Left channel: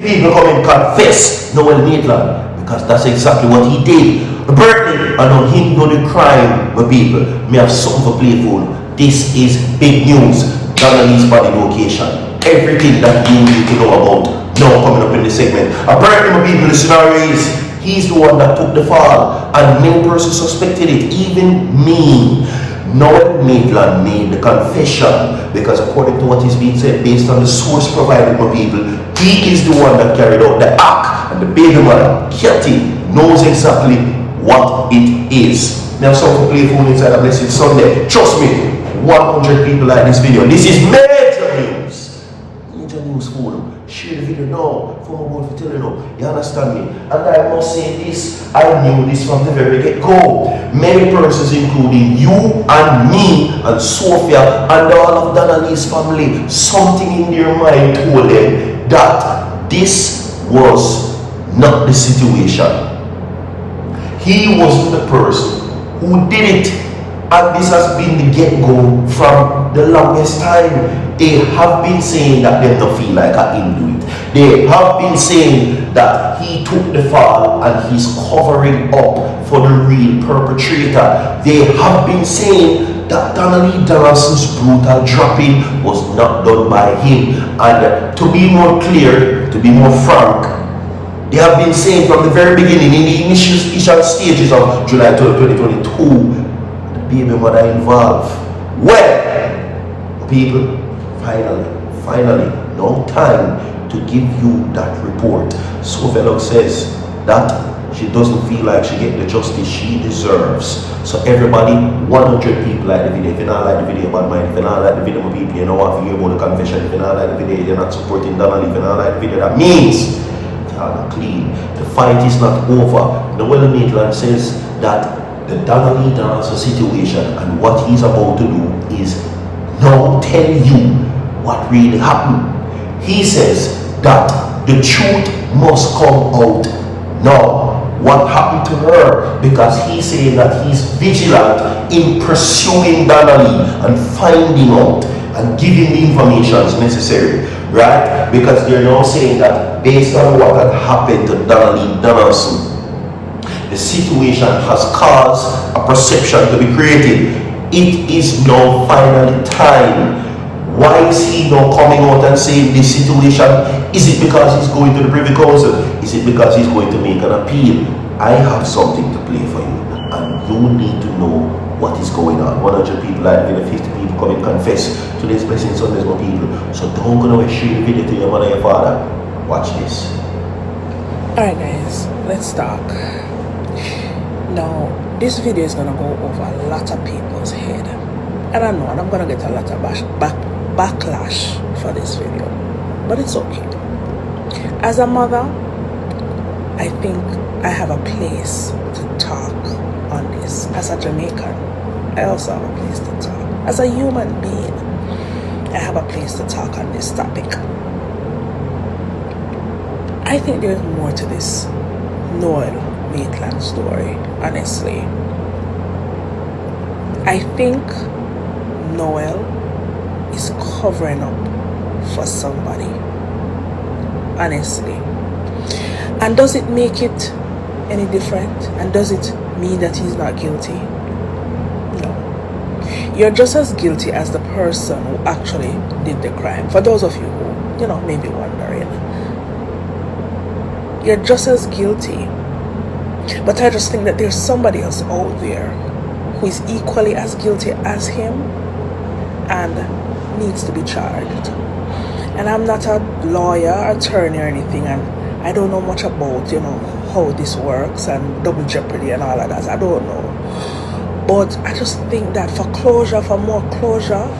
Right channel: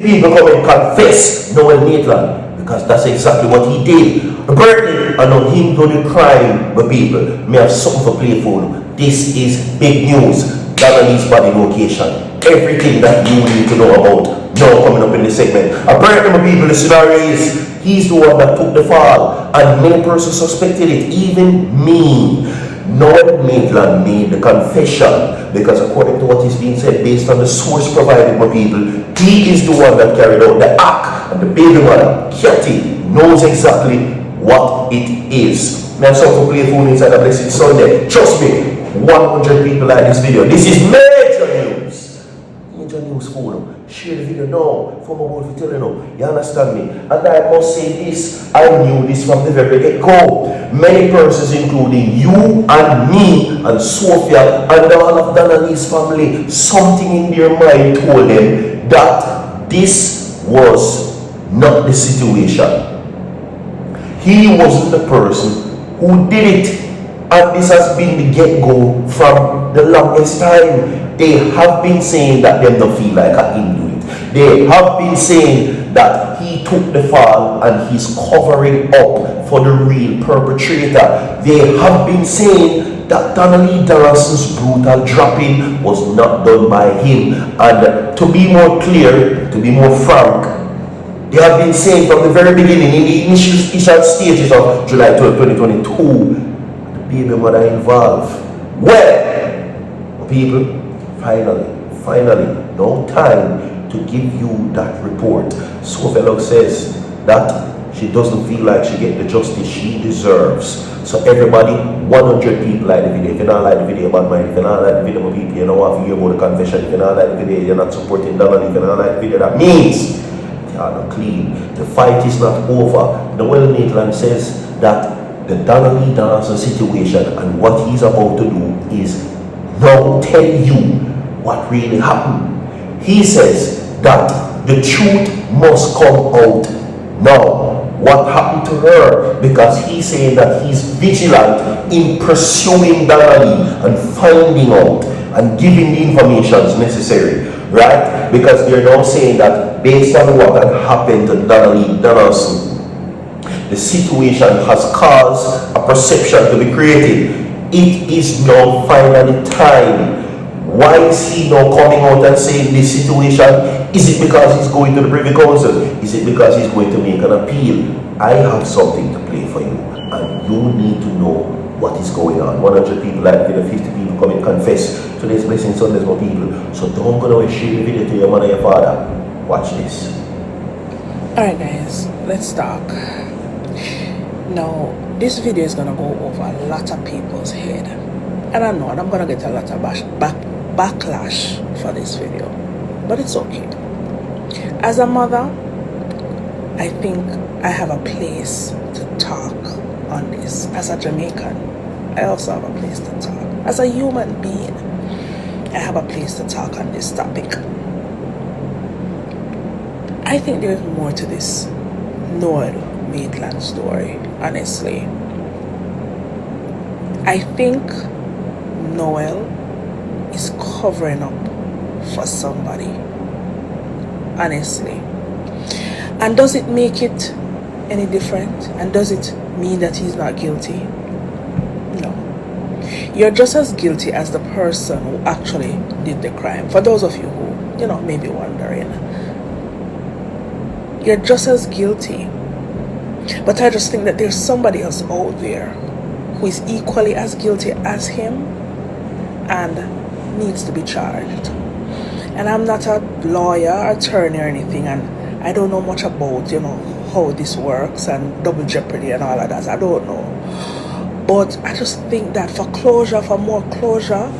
People come and confess Noel Maitland because that's exactly what he did. Berkeley, I know him do the crime, my people. May have something for play for. This is big news. Donna's body location. Everything that you need to know about now coming up in this segment. Apparently, my people, the scenario is he's the one that took the fall, and many persons suspected it, even me. Noel Maitland made the confession because according to what is being said, based on the source provided by people, he is the one that carried out the act, and the baby mother, Katie, knows exactly what it is. Now, so to play phone inside a blessed Sunday. Trust me, 100 people like this video. This is major news. Major news for them. Share the video now for my boy for telling you. You understand me? And I must say this, I knew this from the very get-go. Many persons, including you and me and Sophia and all of Donnelly's family, something in their mind told them that this was not the situation. He wasn't the person who did it. And this has been the get-go from the longest time. They have been saying that they don't feel like I didn't do it. They have been saying that he took the fall and he's covering up for the real perpetrator. They have been saying that Donnelly Donaldson's brutal dropping was not done by him. And to be more clear, to be more frank, they have been saying from the very beginning, in the initial stages of July 12, 2022, baby mother involved. Well, people, finally, no time to give you that report. Sophia says that she doesn't feel like she get the justice she deserves. So everybody, 100 people like the video. If you not like the video, bad mind. If you not like the video, my people, you know what to hear about the confession. If you not like the video, you're not supporting Donna. If you not like the video, that means they are not clean. The fight is not over. Noel Maitland says that the Donnelly Donaldson situation and what he's about to do is now tell you what really happened. He says that the truth must come out now. What happened to her? Because he's saying that he's vigilant in pursuing Donnelly and finding out and giving the information necessary, right? Because they're now saying that based on what had happened to Donnelly Donaldson, the situation has caused a perception to be created. It is now finally time. Why is he now coming out and saying this situation? Is it because he's going to the Privy Council? Is it because he's going to make an appeal? I have something to play for you, and you need to know what is going on. 100 people like the video, 50 people come and confess. Today's Blessing Sundays, my people. So don't go away, share the video to your mother, your father. Watch this. Alright guys, let's talk. Now, this video is gonna go over a lot of people's head, and I know I'm gonna get a lot of backlash for this video, but it's okay. As a mother, I think I have a place to talk on this. As a Jamaican, I also have a place to talk. As a human being, I have a place to talk on this topic. I think there's more to this Noel Maitland story, honestly. I think Noel is covering up for somebody, honestly. And does it make it any different? And does it mean that he's not guilty? No. You're just as guilty as the person who actually did the crime. For those of you who, may be wondering, you're just as guilty. But I just think that there's somebody else out there who is equally as guilty as him and needs to be charged. And I'm not a lawyer, attorney or anything, and I don't know much about, how this works and double jeopardy and all of that. I don't know. But I just think that for more closure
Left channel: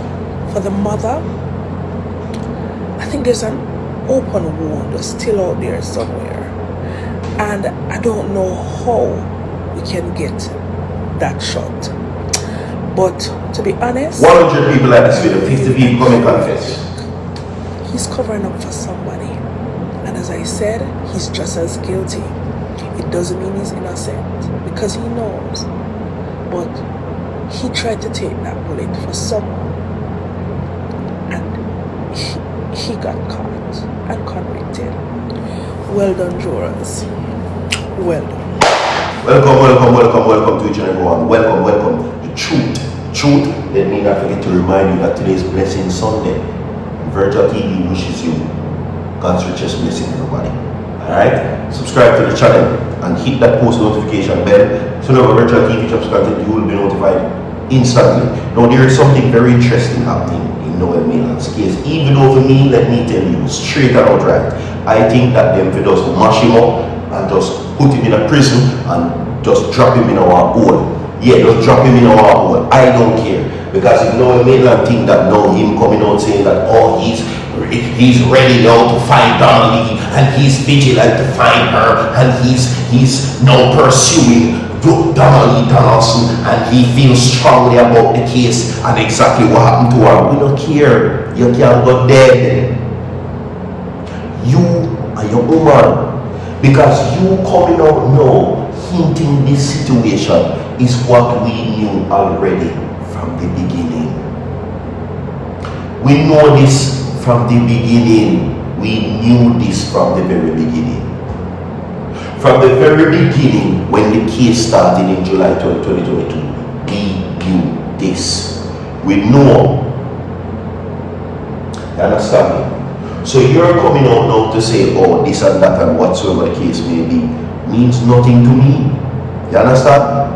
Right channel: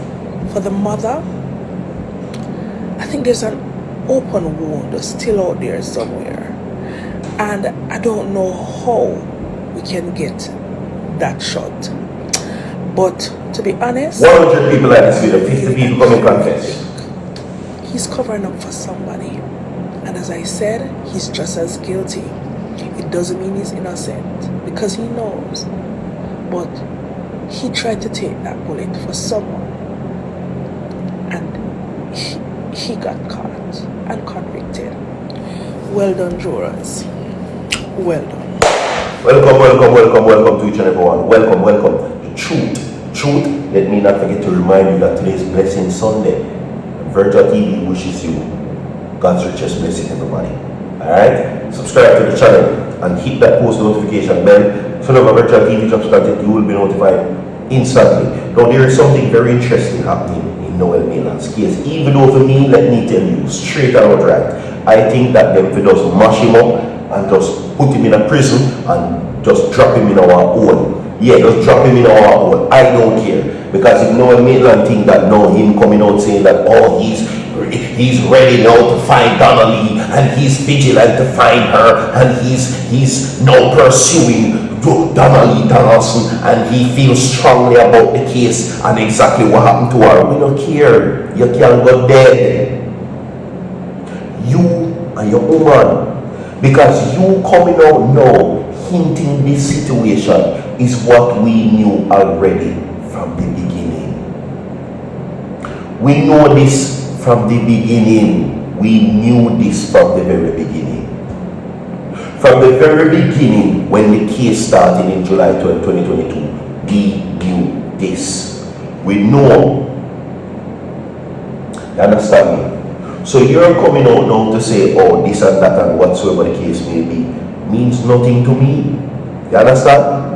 for the mother, I think there's an open wound still out there somewhere. And I don't know how we can get that shot. But to be honest, 100 people like this video, 50 people come and confess. He's covering up for somebody. And as I said, he's just as guilty. It doesn't mean he's innocent, because he knows. But he tried to take that bullet for someone. And he got caught and convicted. Well done, jurors. Well done. Welcome to each and everyone. Welcome. The truth. Let me not forget to remind you that today is Blessing Sunday. And B0dy wishes you God's richest blessing, everybody. Alright? Subscribe to the channel and hit that post notification bell. So whenever B0dy drops content, you will be notified instantly. Now there is something very interesting happening in Noel Maitland's case. Even though for me, let me tell you straight and outright, I think that them for just mash him up and just put him in a prison and just drop him in our hole. Yeah, just drop him in our hole. I don't care. Because if Noel Maitland think that now him coming out saying that, oh, he's ready now to find Donna and he's vigilant to find her and he's now pursuing Donna Donaldson and he feels strongly about the case and exactly what happened to her. We don't care. You can't go dead. You and your woman. Because you coming out now hinting this situation is what we knew already from the beginning. We know this from the beginning. We knew this from the very beginning. From the very beginning, when the case started in July 2022, we knew this. We know. You understand me? So you're coming out now to say, oh, this and that and whatsoever the case may be, means nothing to me. You understand?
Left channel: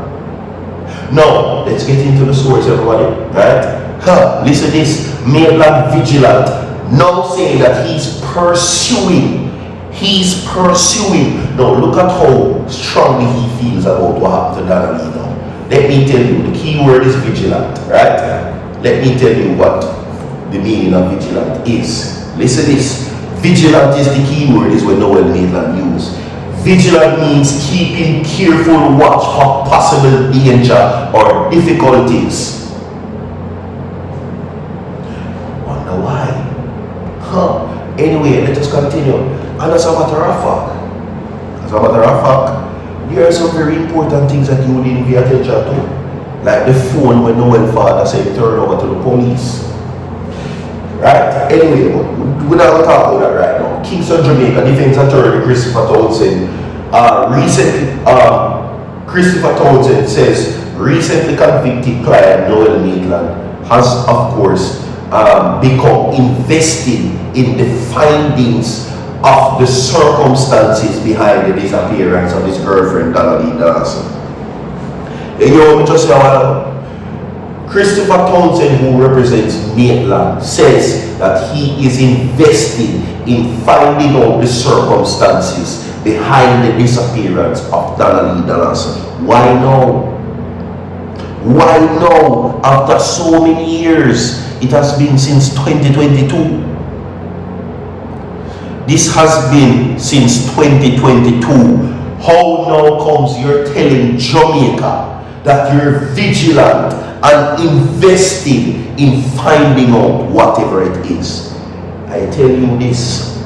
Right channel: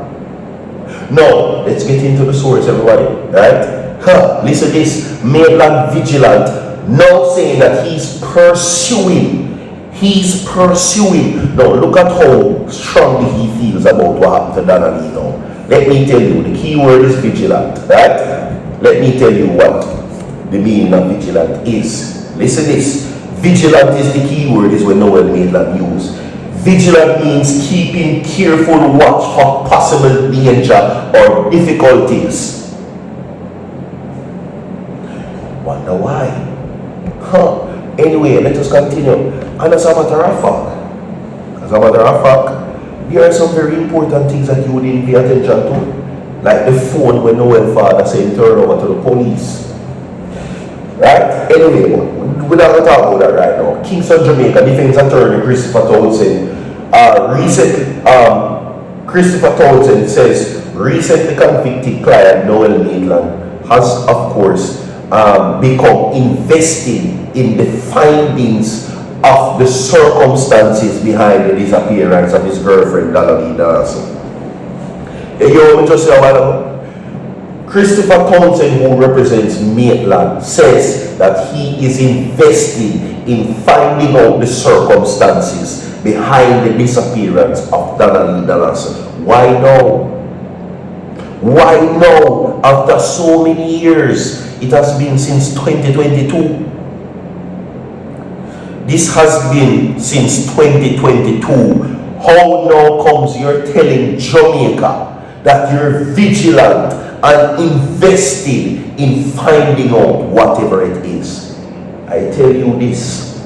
Now, let's get into the source, everybody. Right? Listen to this. Maitland vigilant now saying that he's pursuing. Now, look at how strongly he feels about what happened to Donna now. Let me tell you, the key word is vigilant. Right? Let me tell you what the meaning of vigilant is. Listen to this. Vigilant is the key word, is what Noel Maitland used. Vigilant means keeping careful watch for possible danger or difficulties. Wonder why? Anyway, let us continue. And as a matter of fact, there are some very important things that you didn't pay attention to. Like the phone when Noel father said turn over to the police. Right? Anyway, we're not going to talk about that right now. Kingston, Jamaica, defense attorney Christopher Townsend says recently convicted client Noel Maitland has, of course, become invested in the findings of the circumstances behind the disappearance of his girlfriend Donna Donaldson. You want me to say a while? Christopher Townsend, who represents Maitland, says that he is invested in finding out the circumstances behind the disappearance of Donna Donaldson. Why now? Why now? After so many years, it has been since 2022. This has been since 2022. How now comes you're telling Jamaica that you're vigilant and invested in finding out whatever it is? I tell you this,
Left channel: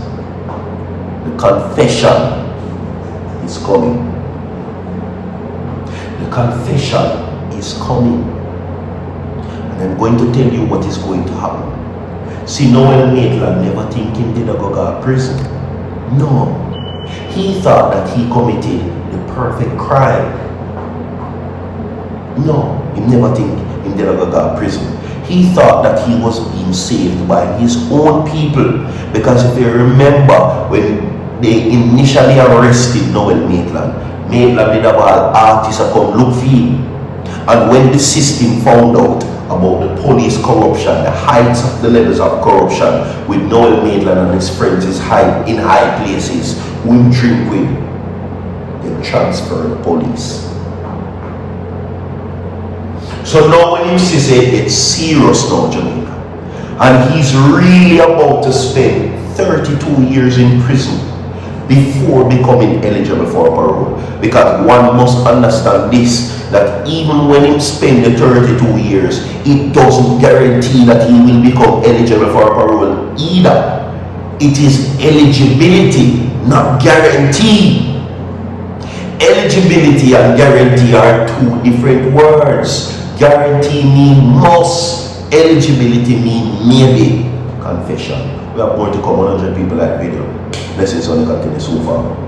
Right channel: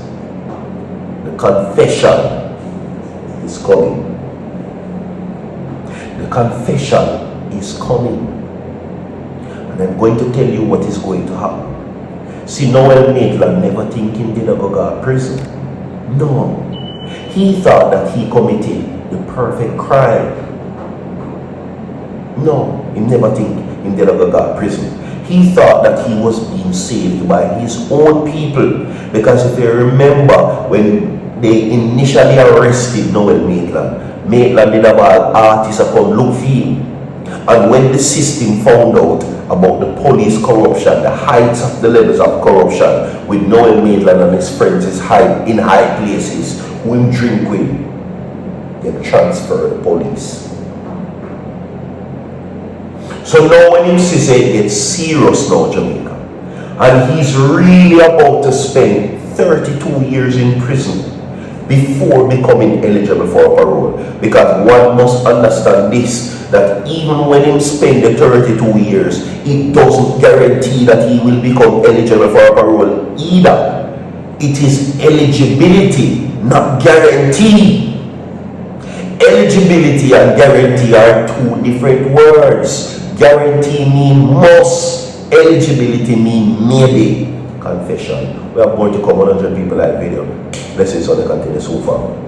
the confession is coming. The confession is coming. And I'm going to tell you what is going to happen. See, Noel Maitland never thinking did go to prison. No. He thought that he committed the perfect crime. No, he never think him did go to prison. He thought that he was being saved by his own people. Because if you remember, when they initially arrested Noel Maitland, Maitland did have an artist come look for him. And when the system found out about the police corruption, the heights of the levels of corruption with Noel Maitland and his friends is high in high places, who him drink with, they transfer the police. So now when him says it's serious now, Jamaica, and he's really about to spend 32 years in prison before becoming eligible for parole. Because one must understand this, that even when him spend the 32 years, it doesn't guarantee that he will become eligible for parole either. It is eligibility, not guarantee. Eligibility and guarantee are two different words. Guarantee mean must, eligibility mean maybe. Confession. We have more to come, 100 people like video. Blessings on the continue so far.